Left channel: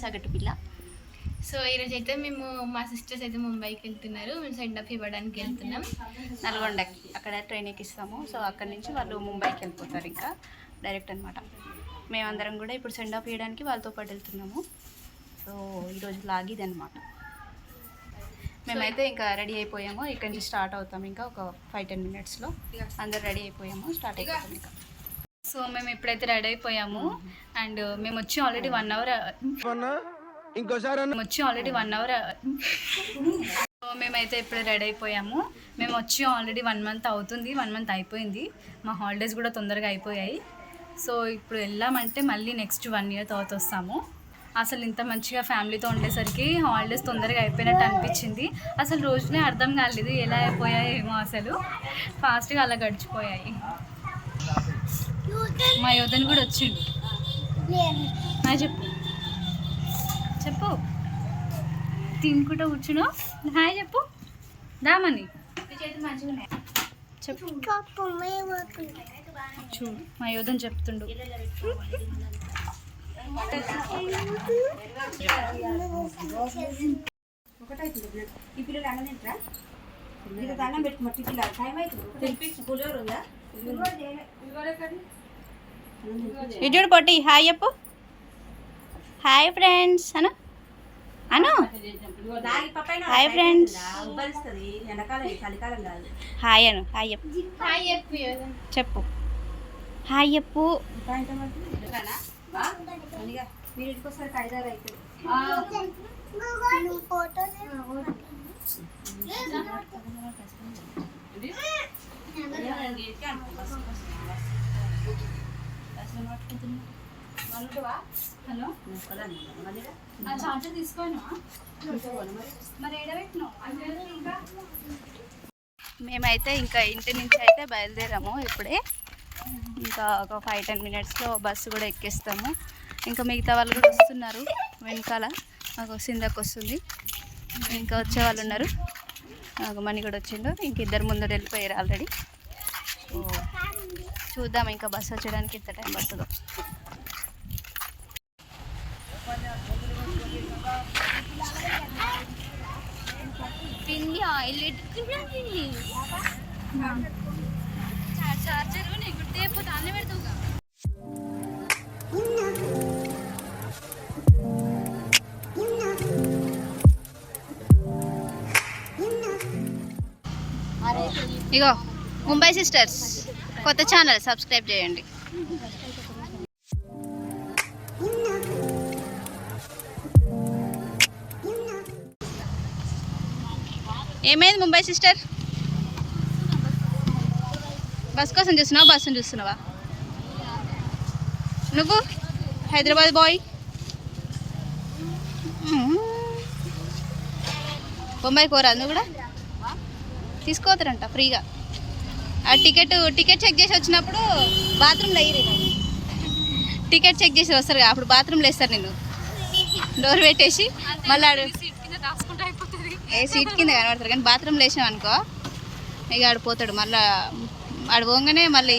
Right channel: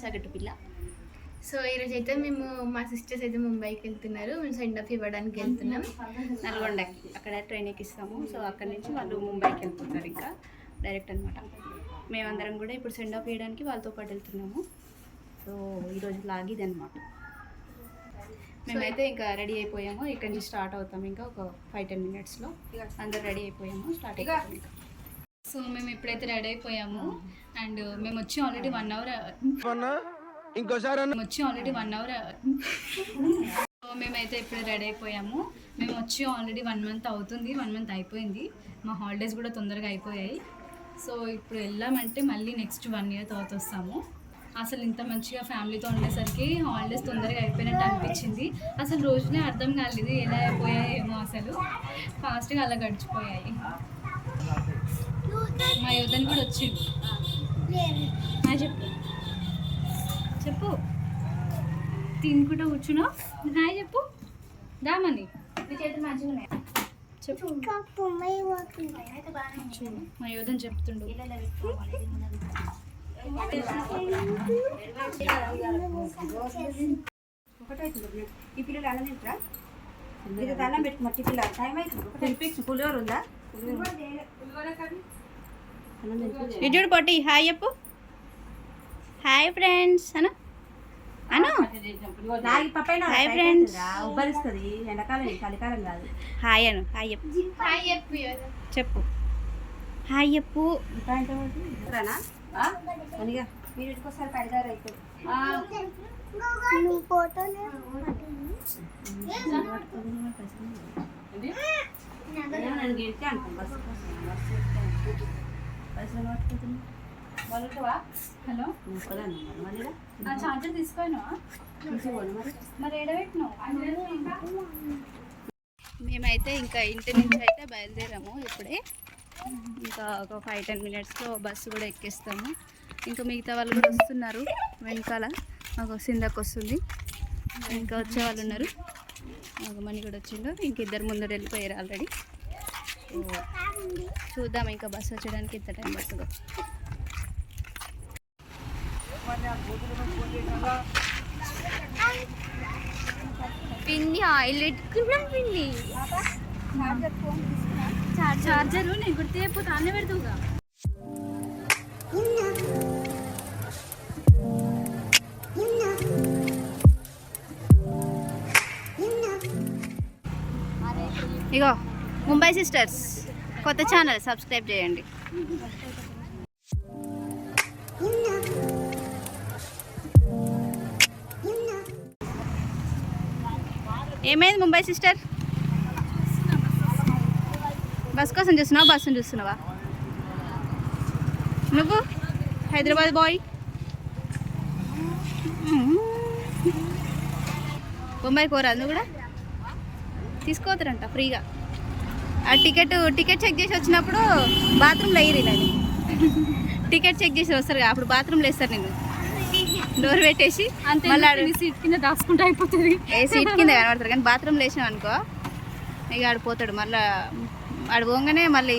సగటు పిల్ల. సో ఈరోజు అయితే మేము మా సిస్టర్స్ అయితే ముంబైకి వెళ్తున్నారు. మేము సెండ్ ఆఫ్ ఇవ్వడానికి వెళ్తున్నాం. నల్గొండకి. అక్కడ ట్రైన్ ఎక్కిస్తాము సో అక్కడ నుంచి వాళ్ళు ముంబైకి వెళ్ళిపోతారు ఇంకా డైరెక్ట్ అనమాట మేమందరం కూడా ఇప్పుడు సెండ్ ఆఫ్ చేయడానికి వాళ్ళతో పాటు వెళ్తున్నాము. సో ఈరోజు లాగిది అనమాట మేమైతే ఇంకా రెడీ అయిపోయాము. ఇక్కడ నుంచి స్టార్ట్ అవుతాం ఇంకా ఒక ఫైవ్ టెన్ మినిట్స్లో అందరు రెడీ అయిపోయాము. స్టార్ట్ అయిపోతాం ఇంకా. సో మేము ఇప్పుడైతే రెడీ అయిపోయాము. అండ్ మేము వచ్చి ఆల్రెడీ వన్ అవర్ ఇంకోసారి మేము వచ్చి ఆల్రెడీ వన్ అవర్ సో మేమైతే ఇప్పుడు రెడీ అయిపోయాము. మేము వచ్చి ఆల్రెడీ వన్ మంత్ అవుతుంది. వన్ మంత్ అయిపోయింది. మా హాలిడేస్ కూడా తొందరగా అయిపోయాయి. సో ఇప్పుడు వెళ్ళామంటే మళ్ళీ నెక్స్ట్ వన్ ఇయర్ తర్వాత వస్తాము. అసలు ఇంత మంచిగా ఫ్యామిలీతో ఉండేసరికి హాలిడేస్ తొందరగా అయిపోయినట్టు అనిపించింది. అసలు రోజునే అర్థం కాలేదు ఎలా అయిపోయాయి ఏమో అసలు. ఫాస్ట్గా అలా గడిచిపోయాయి. మా యోధన్ కూడా వచ్చిండు. హాయ్ చెప్పు. చెప్పు. తినుకుంటూ కూర్చున్నావు హాయ్ చెప్పు. దామని చెప్పు. చూడు మా యోధన్ చెప్తుండు. ఈ పిల్లలు అన్నం తింటారా? ఇది దండం పెట్టుకు మట్టి పిల్లలు. టైం అవుతుంది. తినిపించు పులిహోర ఉందా? విజుడు పొట్టి. హాయ్ చెప్పు. Hi friends Anu. Anu. Hi friends hi Anu. Hi చెప్పు. చెప్పు. హాయ్ చెప్పు. ఇంకా హలో? చార్జర్ తీసుకోను. మరి ఏడబెట్టినావు? మేమైతే ఇంకా ఇంటి నుంచి అయితే బయలుదేరాము ఇప్పుడే. ఇంకా ఒక ఫైవ్ టెన్ మినిట్స్లో బస్సు కూడా ఎక్కేస్తాము. ఇంకా మిగతా వాళ్ళు కూడా వస్తున్నారు వెనకాల. మాకు సిందకు వస్తుంది. ఇంకా వచ్చే వాళ్ళు ఉన్నారు. నాకు మనీ కూడా వచ్చిండు. ఇంక ఇద్దరు ముందర వెళ్ళిపోయారు ఆల్రెడీ చూద్దాం ఇంకా బస్సు వచ్చేయడానికి ఎంత టైం పడుతుందో. పిన్ని ఆయిల్ పెట్టుకున్నా పిన్ని చార్జర్ నీ గుర్తు అయిపోతే అన్నీ పెడతావుగా ఇగో. ముంబై సిస్టర్స్ కొత్త ఛానల్ సబ్స్క్రైబ్ చేయండి. ఏమైంది ముంబై సిస్టర్? బస్ కోసం చూస్తున్నావా? బస్సును చూస్తున్నావా? నువ్వు? హైదరాబాద్ బాయ్? బొంబాయి కోరా నువ్వు కూడా? తీసుకోవతారంట ఫ్రీగా. ఆ టికెట్ టికెట్ చెక్ చేసి వచ్చినప్పుడు బాత్రూంలో వేయరు ఇలాగ టికెట్ చెక్ చేసి వస్తారు కదా, అప్పుడు బాత్రూంలో వేస్తారు నేను డోర్ పెట్టేసి మళ్ళీ సీట్ కింద దాచుకుంటే అయిపోతుంది. ఏ సీట్ కింద కనబడతారు కానీ బాత్రూంలో వేసినాం అనుకో ఇక ఆడు పోతాడు. మళ్ళీ ఆడు పోగానే మళ్ళీ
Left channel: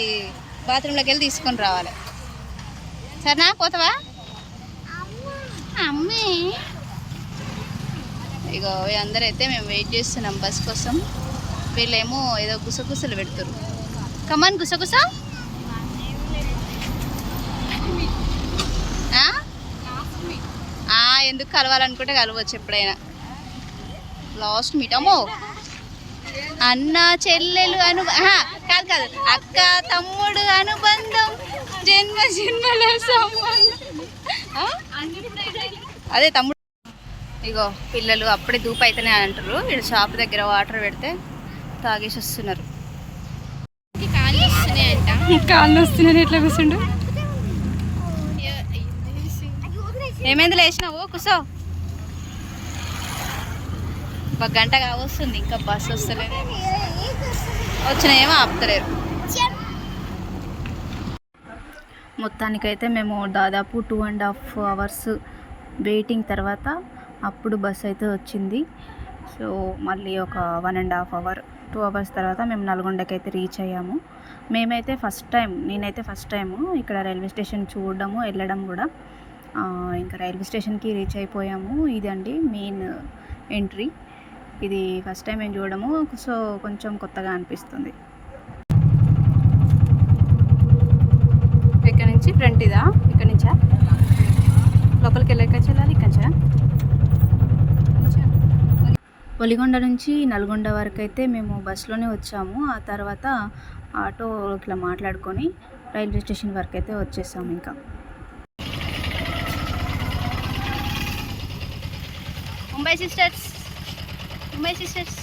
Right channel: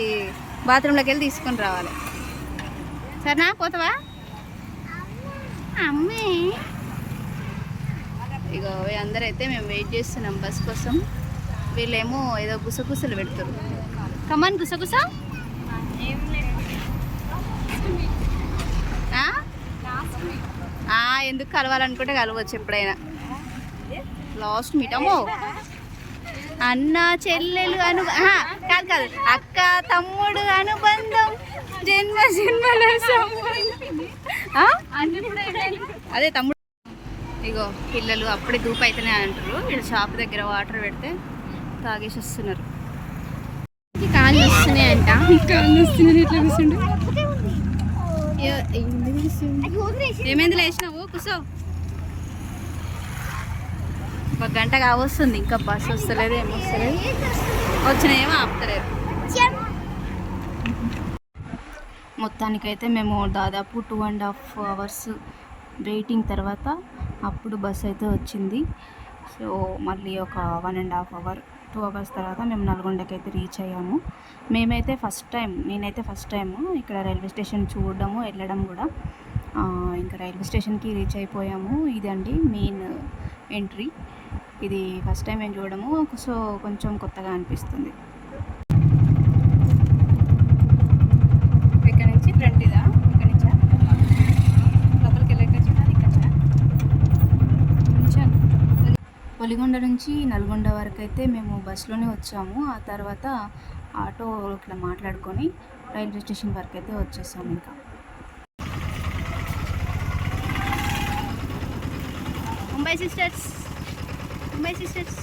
బాత్రూంలోకి వెళ్ళి తీసుకొని రావాలి. సరేనా? పోతావా? అమ్మే. ఇగో అందరైతే మేము వెయిట్ చేస్తున్నాం బస్ కోసం. వీళ్ళేమో ఏదో గుసగుసలు పెడతారు కమాన్ గుసగుస. ఆ? ఎందుకు కలవాలనుకుంటే కలవచ్చు ఎప్పుడైనా. లాస్ట్ మీట్ అమ్మో. అన్న చెల్లెలు అను కాదు కాదు. అక్క తమ్ముడు అనుబంధం జన్మ జన్మల అదే తమ్ముడు. ఇగో పిల్లలు అప్పుడే దూపు అవుతున్నాయి అంటారు ఇక్కడ షాప్ దగ్గర వాటర్ పెడితే తాగేసి వస్తున్నారు కాళ్ళు వస్తున్నాయంట కాళ్ళు ఎట్లా కూర్చుండు? ఏమైంది లేచినావు? కూసో. ఒక గంట కావస్తుంది. ఇంకా బస్ వస్తలేదు ఏం వస్తలేదు. వచ్చిన ఏమో ఆపుతలేరు. మొత్తానికైతే మేము దాదాపు two and half hours waiting తర్వాత అప్పుడు బస్ అయితే వచ్చింది. సో మళ్ళీ ఒక one and half hour two hours తర్వాత మేము నల్గొండకి అయితే రీచ్ అయ్యాము. మేమైతే ఫస్ట్ టైం నేనైతే ఫస్ట్ టైము ఇక్కడ రైల్వే స్టేషన్ చూడడము వెళ్ళడం కూడా. ఇంకా రైల్వే స్టేషన్కి రీచ్ అయిపోయాము. ఇదండి మెయిన్ ఎంట్రీ. ఇది ఫస్ట్ టైం మేము చూడము సో కొంచెం కొత్తగా అనిపిస్తుంది. ఇక్కడ నుంచి ఫ్రంట్ ఇదా ఇక్కడ నుంచా లోపలికి వెళ్ళాక చూడాలి ఇక్కడ నుంచా? నుంచా? ఒలిగొండ నుంచి నల్గొండ వరకు అయితే మేము బస్సులోనే వచ్చాము. ఆ తర్వాత ఆటో ఇట్లా మాట్లాడుకొని రైల్వే స్టేషన్ వరకు అయితే వచ్చేసాము ఇంకా. Mumbai sisters Mumbai sisters.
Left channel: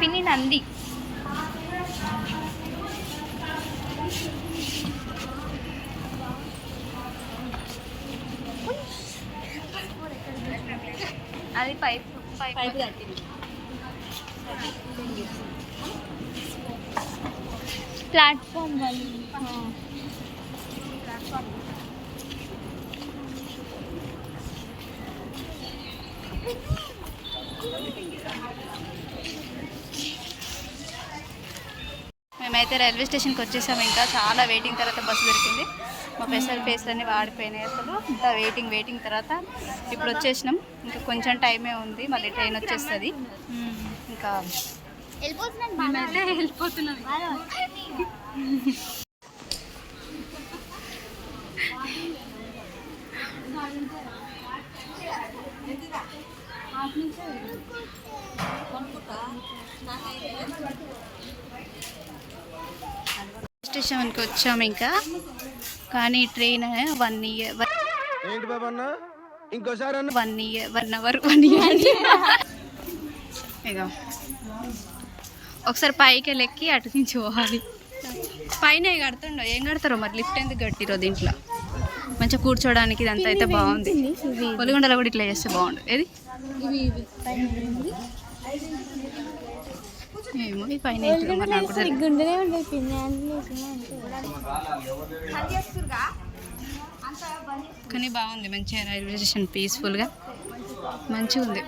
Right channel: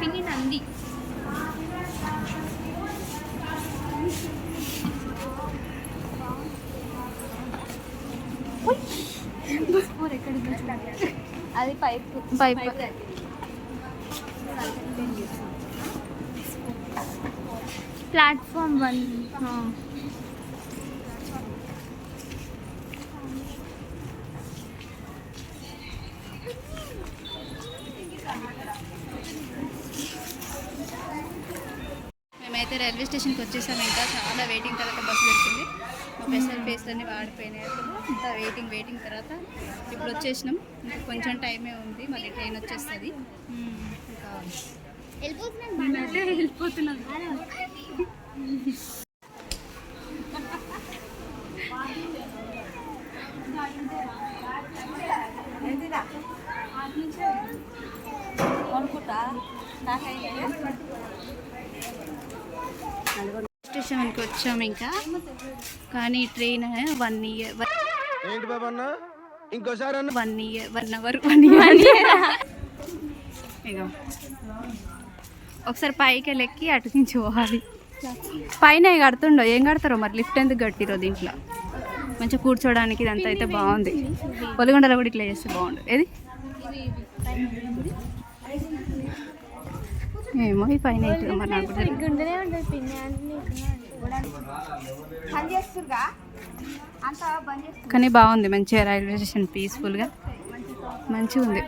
పిన్ని నంది అది పైప్ పైప్. Platform one. మేమైతే రైల్వే స్టేషన్కి వచ్చేసాము ఇంకా. చాలా వెయిటింగ్ తర్వాత బస్సు దొరికింది. మా పెసర్ ఫేస్ అన్ని వాడిపోయినాయి అసలు. ఇంత వెయిటింగ్ వెయిటింగ్ తర్వాత ఇప్పుడు వచ్చేసినాం. ఇంకా కొంచెం టైమే ఉంది. మళ్ళీ ట్రైన్ వచ్చేస్తుంది. ఇంకా మేమైతే వెళ్ళిపోతున్నాం. స్టేషన్కి వచ్చాము ఇంకా. కానీ ట్రైన్ వన్ ఇయర్ ఏంటి బాబు ఇంకోసారి అన్న? One year one hour one year. ఇక ఒకసారి పైకి వెళ్ళెక్కి అటు నుంచి పోవాలి. పైన కడుతుండో ఏం కడతారో మరి? లిఫ్ట్ ఎందుకు కట్టిరో దీంట్లో? మంచిగా కూర్చోడానికి ఇదంతా అయితే బాగుంది. పొలిగొండలో కూడా ఇట్లా చేస్తే బాగుండు. ఏది? ఏమో ఈ పైన మరి నాకు. కానీ బాగుంది మంచిగా రైల్వే స్టేషన్ పీస్ఫుల్గా. మంచిగా ఉంది.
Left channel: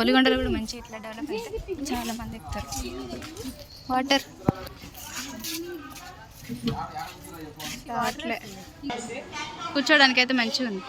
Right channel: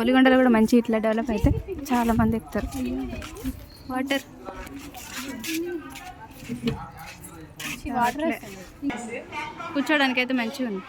ఒలిగొండలో కూడా మంచి ఇట్లా డెవలప్ అయితే చాలా మంది ఎక్కుతారు. వాటర్. అట్లే కూర్చోడానికి అయితే మంచిగా ఉంది.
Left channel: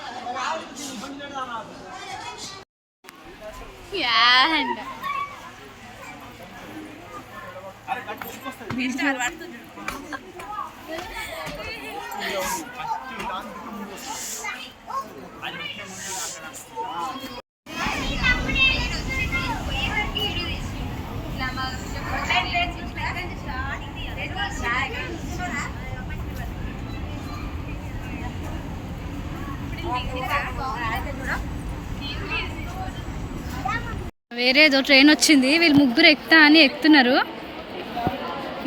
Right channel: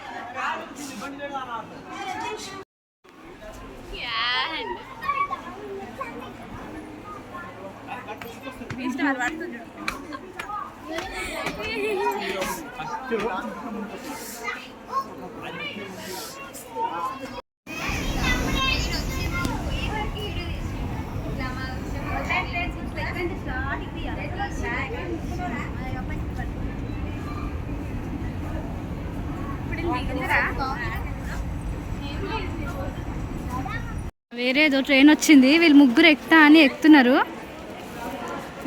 వేరేదో ట్రైన్ వచ్చింది. వీళ్ళు ముగ్గురు ఎక్కుతా అని ఎక్కుతున్నారు.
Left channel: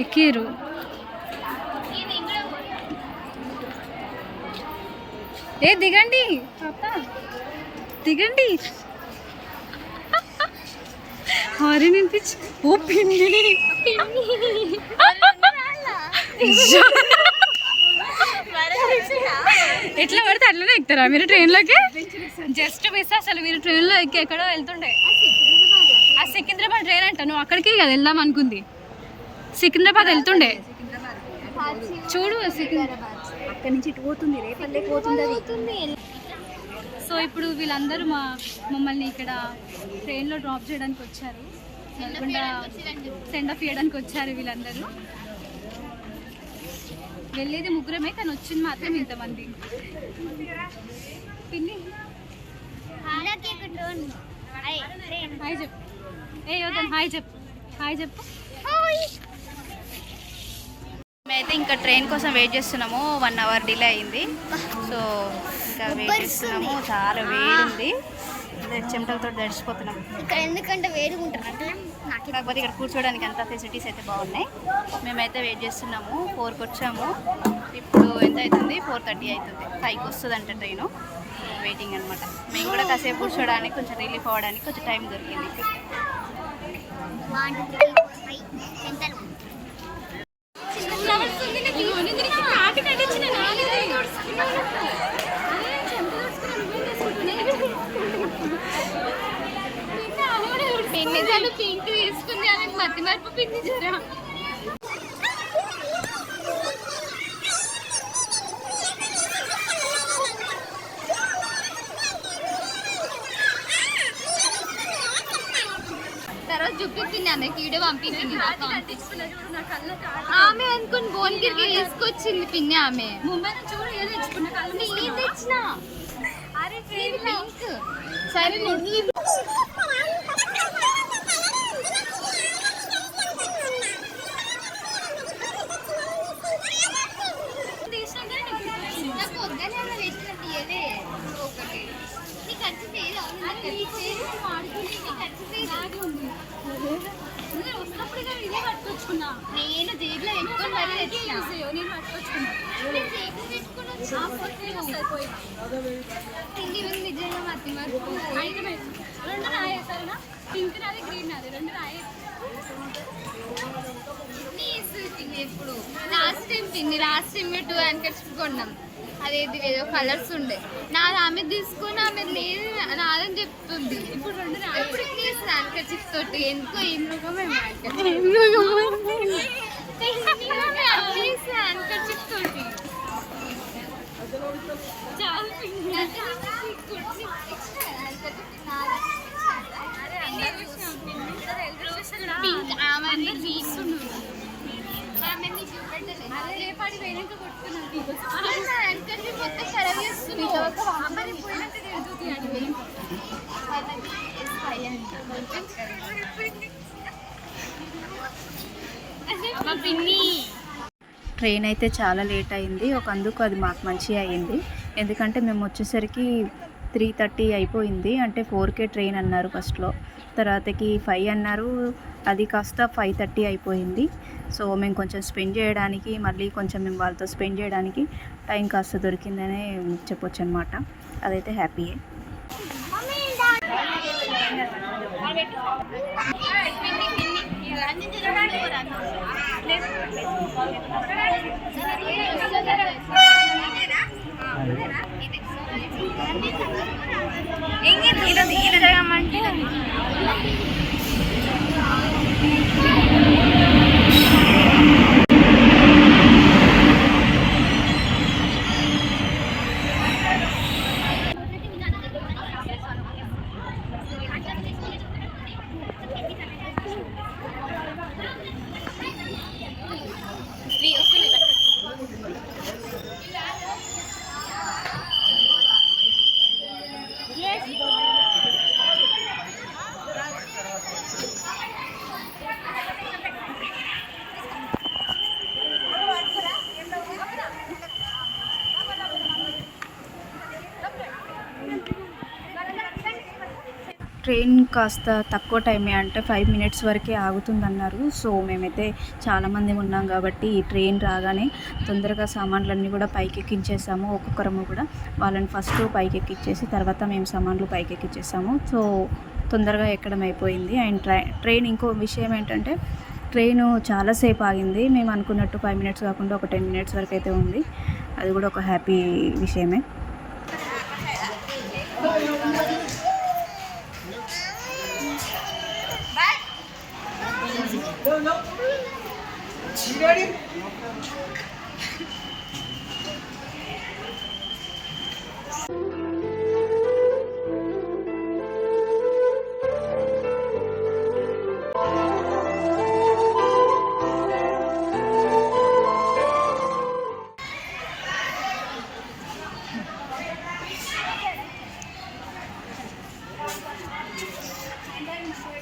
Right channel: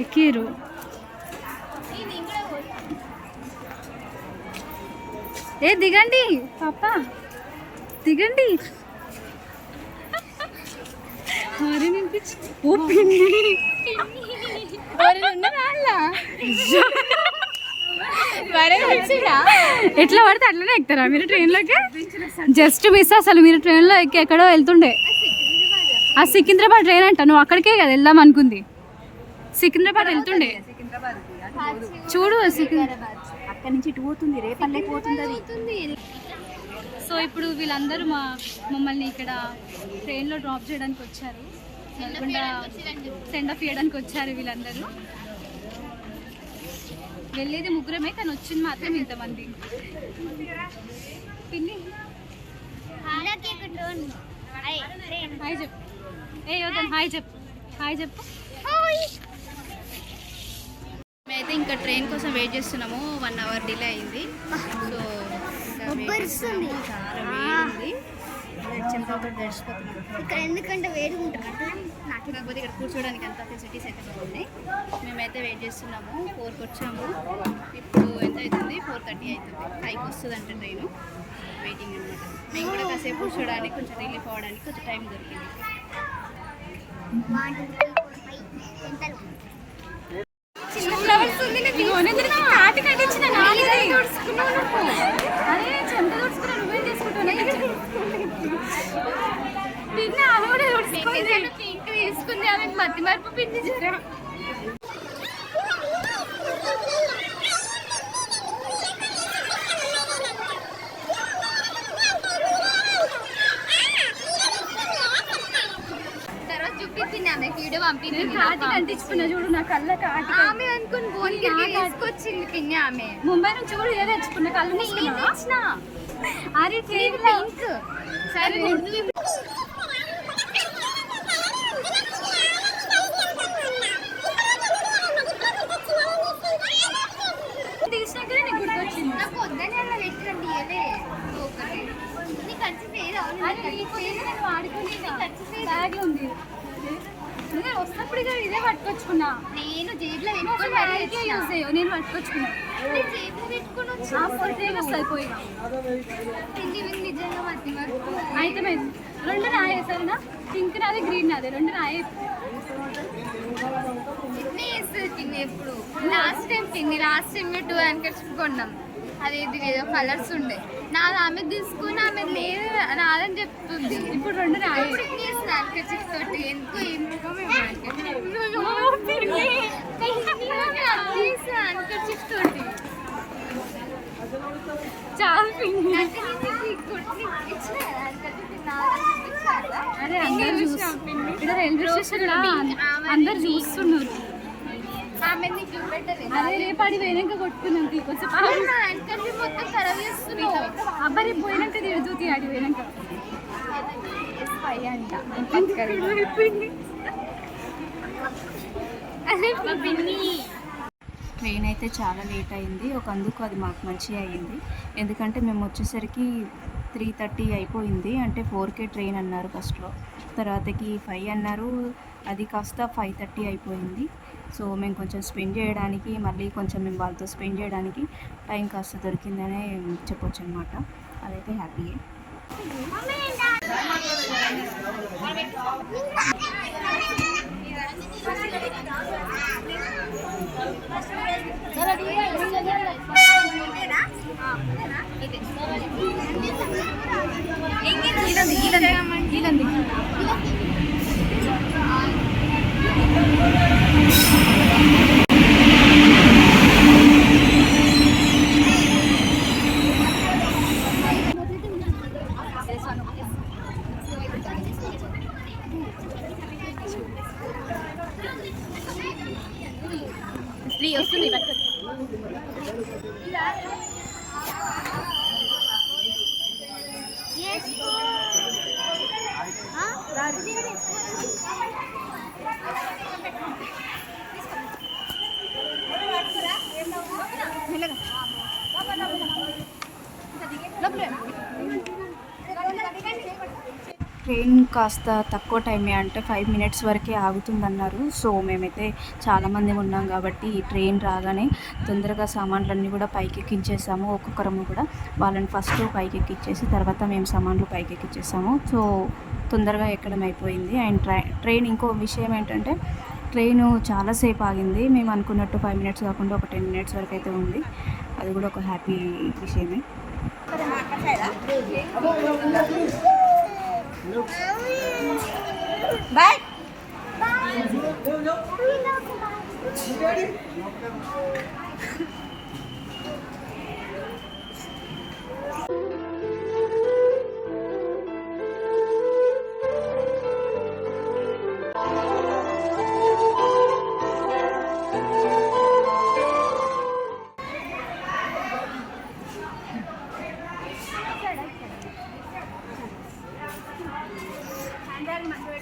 ఎక్కిరు ఏ దిగండి. పాప దిగండి. హారీ వినిపించి. ఓ ఎట్లా పడితే అట్లనే ఎక్కుతారా? మీరు ట్రైన్లోకి? జస్ట్ మిస్ అసలు. మీరు ట్రైన్లో ఎక్కి ఎక్కడో వెళ్తుండే. ఆ సికింద్రాబాద్ ట్రైన్ అంట. నువ్వు అక్కడికే కదా వెళ్దాం అనుకుంది. సికింద్రాబాద్ వెళ్తుండే. చూడు సికింద్రాబాద్ అక్కడి నుంచి ఇటు పోతుంది రేపల్లెకి పోతుంది అది. సో ఇప్పుడు వీళ్ళందరూ మా మమ్మల్ని ఇక్కడ ట్రైన్లో డ్రాప్ చేయడానికి వచ్చారు. సెండ్ ఆఫ్ చేయడానికి వచ్చారు వీళ్ళందరూ. వెళ్ళేది ముగ్గురమే కానీ వచ్చింది మాత్రం ఇంతమంది. పిన్ని. హాయ్. చెప్పు. ఏ యోధన్ హాయ్ చెప్పు. హాయ్ చెప్పు. మేమైతే ఇంకా ట్రైన్ కోసం వెయిట్ చేస్తున్నాము. వన్ అవర్ డిలే అయింది. సో ఇంకా వెయిట్ చేస్తున్నాము. చాలా వేడి ఉంది చెమటలతో దడిచిపోతున్నాం ఇక్కడ ఎందుకంటే వేడిగా ఉంటారు అంటే నాకు కాకపోతే ఇక్కడ కూర్చోడానికి అంత ఫెసిలిటీస్ అయితే బాగున్నాయి. మేమైతే వెయిట్ చేస్తున్నాము. ఫోర్కి వచ్చాము. ఇప్పుడు ఎంత అవుతుంది? ఫోర్ థర్టీ అవుతుంది. ఫైవ్కి వస్తుంది అంట ట్రైన్. వెయిటింగ్ అనమాట మేము కూడా కాసేపు కూర్చోడానికి కొంచెం రిలీఫ్ అవ్వడానికి కొంచెం టైం దొరికింది. పింక్ తీసుకుంది ఆమె మరపు పిండి జ్వరం. చూపించింది ఆమెకి వీడియో పంపించింది చూడు నా కళ్ళకి ఆమె అనుకుని బోన్కి తీసుకొచ్చింది పిన్ని ఆమె. ముంబై నుంచి కూడా ఏదో తెచ్చుకున్న కళ్ళు నేను తెచ్చిన. అరే పింక్. సరే తీసినాకనే నీకు గుర్తొచ్చింది. నాకు వద్దని అలా పెట్టినట్టు ఇయ్యలే నీ ఖర్చు లేదు అవును నీ ఖర్చు లేదు నేను వాడుకుంటే నీ ఖర్చు లేదు బ్యాగ్ ఉంది. నేను వస్తున్నప్పుడు ఇదే పట్టుకొచ్చుకున్నా. నేను జేబులో పెట్టుకొని మరీ చేయవు నేను పట్టుకొచ్చుకున్నా. నేను జేబులో పెట్టుకొని వచ్చి? సరిపోయినా తిండి విండి నిజంగా మతి మరుపు అయితే రెండు నాయే సరేనా? పింక్ నాది గ్రీన్ నాది రెండు నాయే. ఎప్పుడు? లాస్ట్ టైం తిండి లాస్ట్ టైం టూ హ్యాంకర్స్ కొన్నాం. అదేది ఏదో కలర్స్ ఉండే. నాది ఆమె తీసుకుని ఆమె లేదు నాదని చెప్తుంది. ఇప్పుడు రెండు ఇప్పుడు హ్యాంకర్స్ తోటి? ఎందుకో ఏం తోటి. చాలా. అందరు చూస్తున్నారు. కొట్టుకున్నాం మొత్తం ఖరాబ్ చేస్తున్నావు? అబ్బాయి పోయినాక ఆడి ట్రైన్ అయితే చాలా లేట్ అయింది. ఒక అందుకు అది మాకు మంచిగా అయింది ఎందుకంటే మేము వచ్చేసరికి త్రీ థర్టీ అయిపోయింది. అంటే ఫోర్కే ట్రైన్ అన్నారు ఫస్ట్లో తర్వాతకి ఫైవ్ అన్నారు. అది కాస్త ఫైవ్ థర్టీ అయిపోయింది. సో మేము కొంచెం స్పెండ్ చేయడానికి మళ్ళీ కొంచెం మేము వాళ్ళతో స్పెండ్ చేయడానికి టైం కాస్త దొరికిందనే చెప్పొచ్చు అనమాట అదైతే హ్యాపీయే. Jest. ట్రైన్ కాస్త తక్కువ టైమే అంటే ఫైవ్ మినిట్స్ వరకే ఆగుతుందన్నారు. సో మేమైతే చాలామంది ఉన్నాం కాబట్టి ఈ ట్రైన్ రాగానే తొందరగా సామాన్లన్నీ కూడా పైకి ఎక్కించేసాము ఒక్కొక్కరము కూడా వాళ్ళని ఫస్ట్ పైకి ఎక్కించేసి తర్వాత మేము సామాన్లు పైకి ఎక్కించేసాము సో తొందరగా ఎక్కడం అయిపోయింది. అండ్ ట్రై ట్రైన్ ఇంకో విషయం ఏంటంటే ట్రైన్ చాలాసేపు ఆగింది. మేము అనుకున్నట్టు ఫైవ్ మినిట్స్ కాకుండా ఒక టెన్ మినిట్స్ వరకు అయితే ఉంది. అది కూడా ఒక హ్యాపీ విషయమే. Bye. Bye. Thank you.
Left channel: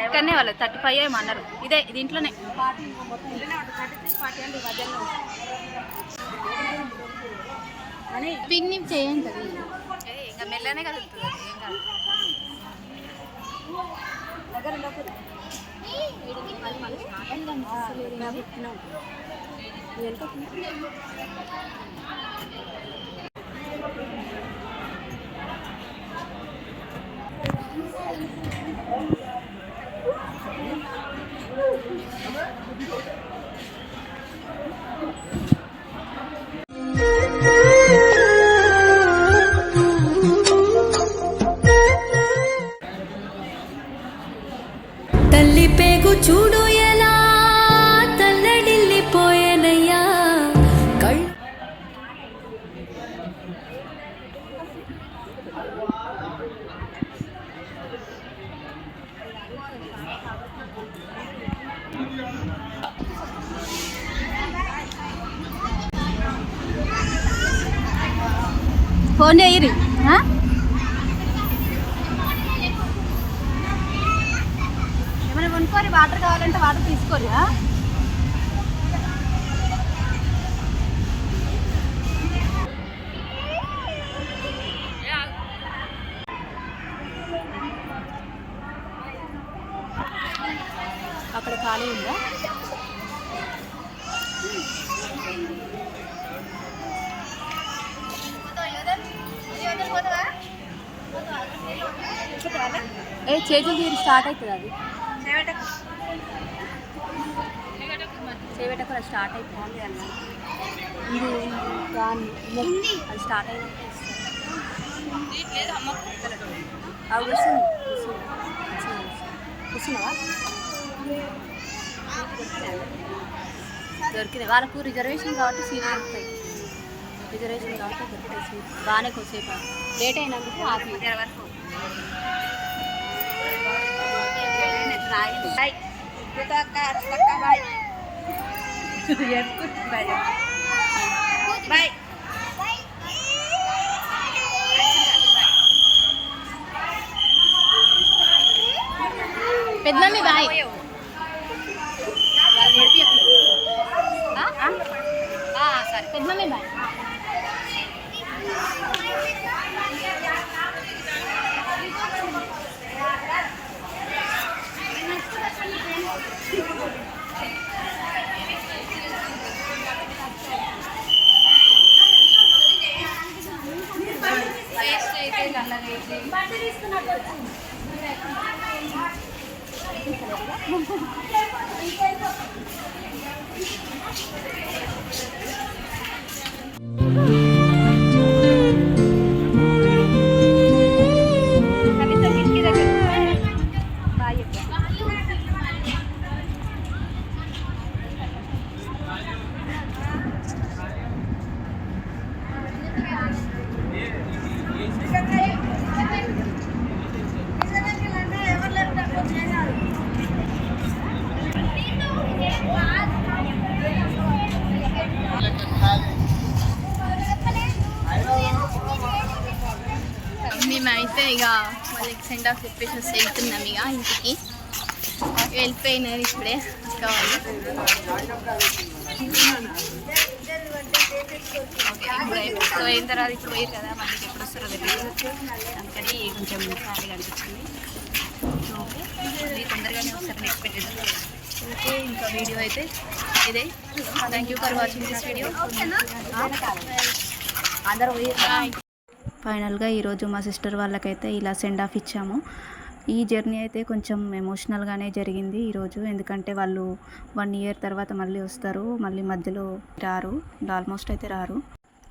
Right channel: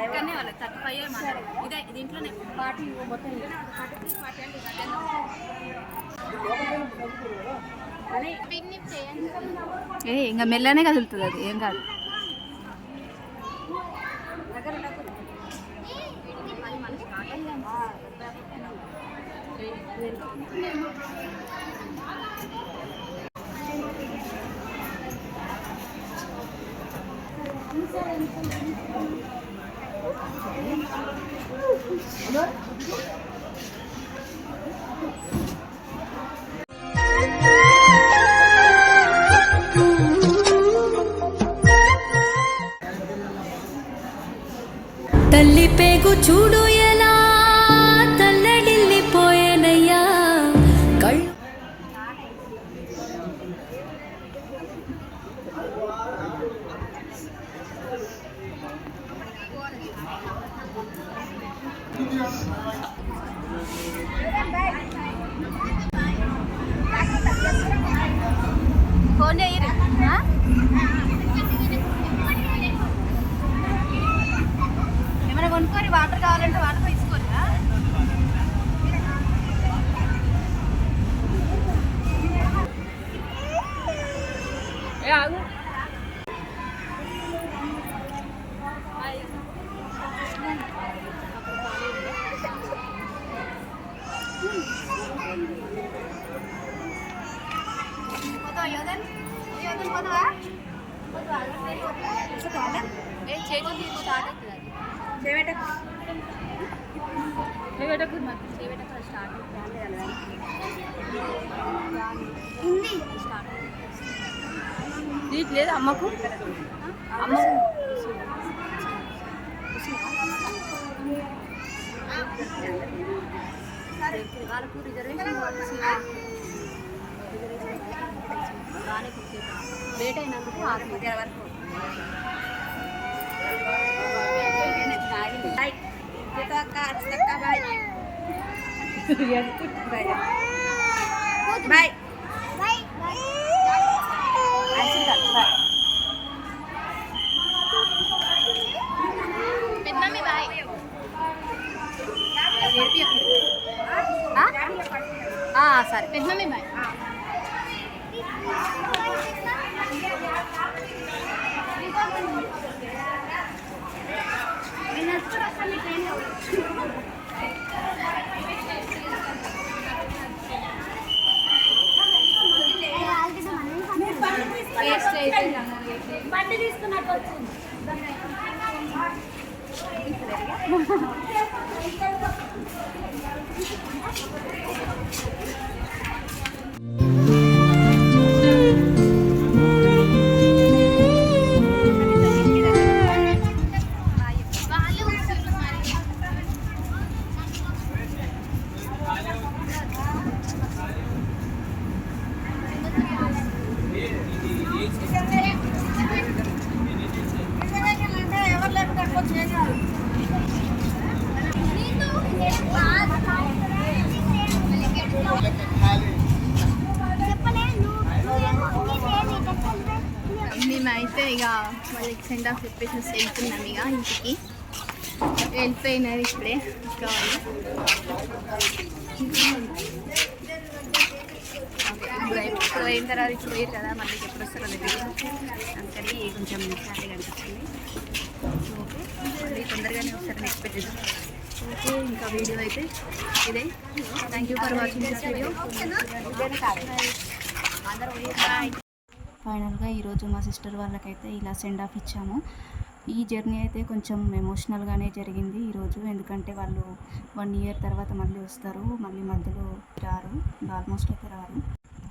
ఇక్కడనే వాళ్ళు థర్టీ ఫైవ్ ఏమన్నారు ఇదే దీంట్లోనే పిన్ని చేయండి ఏ ఇంకా మెల్లనే కదులుతుంది అది ఏం కాదు. దగ్గర Thank you. కొనుక్కొని వాటర్ కావాలంటే వాటర్ తీసుకోరు నీట్ లేదు అమ్మకు దొరికింది. వాళ్ళకు రిజర్వేషన్ కాబట్టి సీట్ దొరుకుతాయి రిజర్వేషన్ కాబట్టి దొరుకుతాయి సీట్ బాగానే కొద్దిసేపు లేట్ అయినందుకు ఆరు మధ్య వరకు. బాయ్. అక్క అక్క బాయ్ బాయ్ బాయ్ పెద్దమమ్మీ బాయ్ వాళ్ళు నేర్పియకు. ఆ? సరే పెద్దమమ్మీ బాయ్. వేస్ట్ అయిపోయింది అన్నది మేమైతే సెండ్ ఆఫ్ చెప్పేసి వెళ్తున్నాం ఇక ఇంటికి. వెళ్ళిపోయినారు ఇప్పుడే ఓకే, ఇప్పుడు ఇప్పుడు అయిన తర్వాత ఇప్పుడు పోయారు కదా మళ్ళీ ఎప్పుడు వస్తారో తెలియదు అందుకని కొంచెం ఖాళీగా అనిపించింది. ఓకే మళ్ళీ తొందరగానే వస్తారని ఎక్స్పెక్ట్ చేద్దాం ఓకే ఇంకా వీడియో అయితే ఇదే. Thank you for watching this video ఫైనల్గా ఈరోజు మా సిస్టర్ వాళ్ళకైతే ఇలా సెండ్ ఆఫ్ ఇచ్చాము. ఈ జర్నీ అయితే కొంచెం ఎమోషనల్గానే జరిగింది ఈరోజు. ఎందుకంటే వాళ్ళు వన్ ఇయర్ తర్వాత మళ్ళీ వస్తారు. మళ్ళీ మధ్యలో రారు. ఆల్మోస్ట్ అయితే రారు.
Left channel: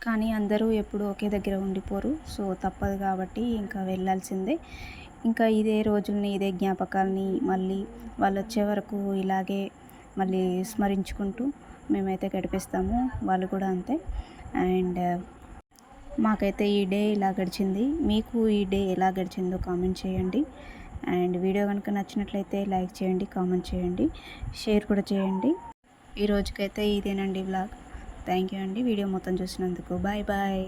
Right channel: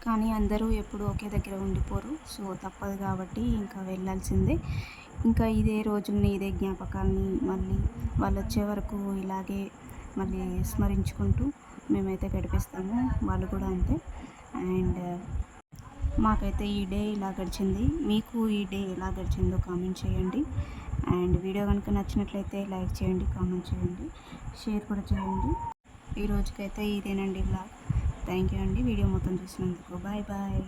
కానీ అందరూ ఎప్పుడు ఒకే దగ్గర ఉండిపోరు. సో తప్పదు కాబట్టి ఇంకా వెళ్ళాల్సిందే. ఇంకా ఇదే రోజుల్ని ఇదే జ్ఞాపకాల్ని మళ్ళీ వాళ్ళు వచ్చే వరకు ఇలాగే మళ్ళీ స్మరించుకుంటూ మేమైతే గడిపిస్తాము. వాళ్ళు కూడా అంతే. అండ్ మాకైతే ఈ డే ఇలా గడిచింది. మీకు ఈ డే ఎలా గడిచిందో కామెంట్ చేయండి. అండ్ వీడియో కనుక నచ్చినట్లయితే లైక్ చేయండి కామెంట్ చేయండి షేర్ కూడా చేయండి. ఈ రోజుకైతే ఇదేనండి బ్లాగ్. థ్యాంక్ యూ అండి. వీడియో మొత్తం చూసినందుకు. Bye bye.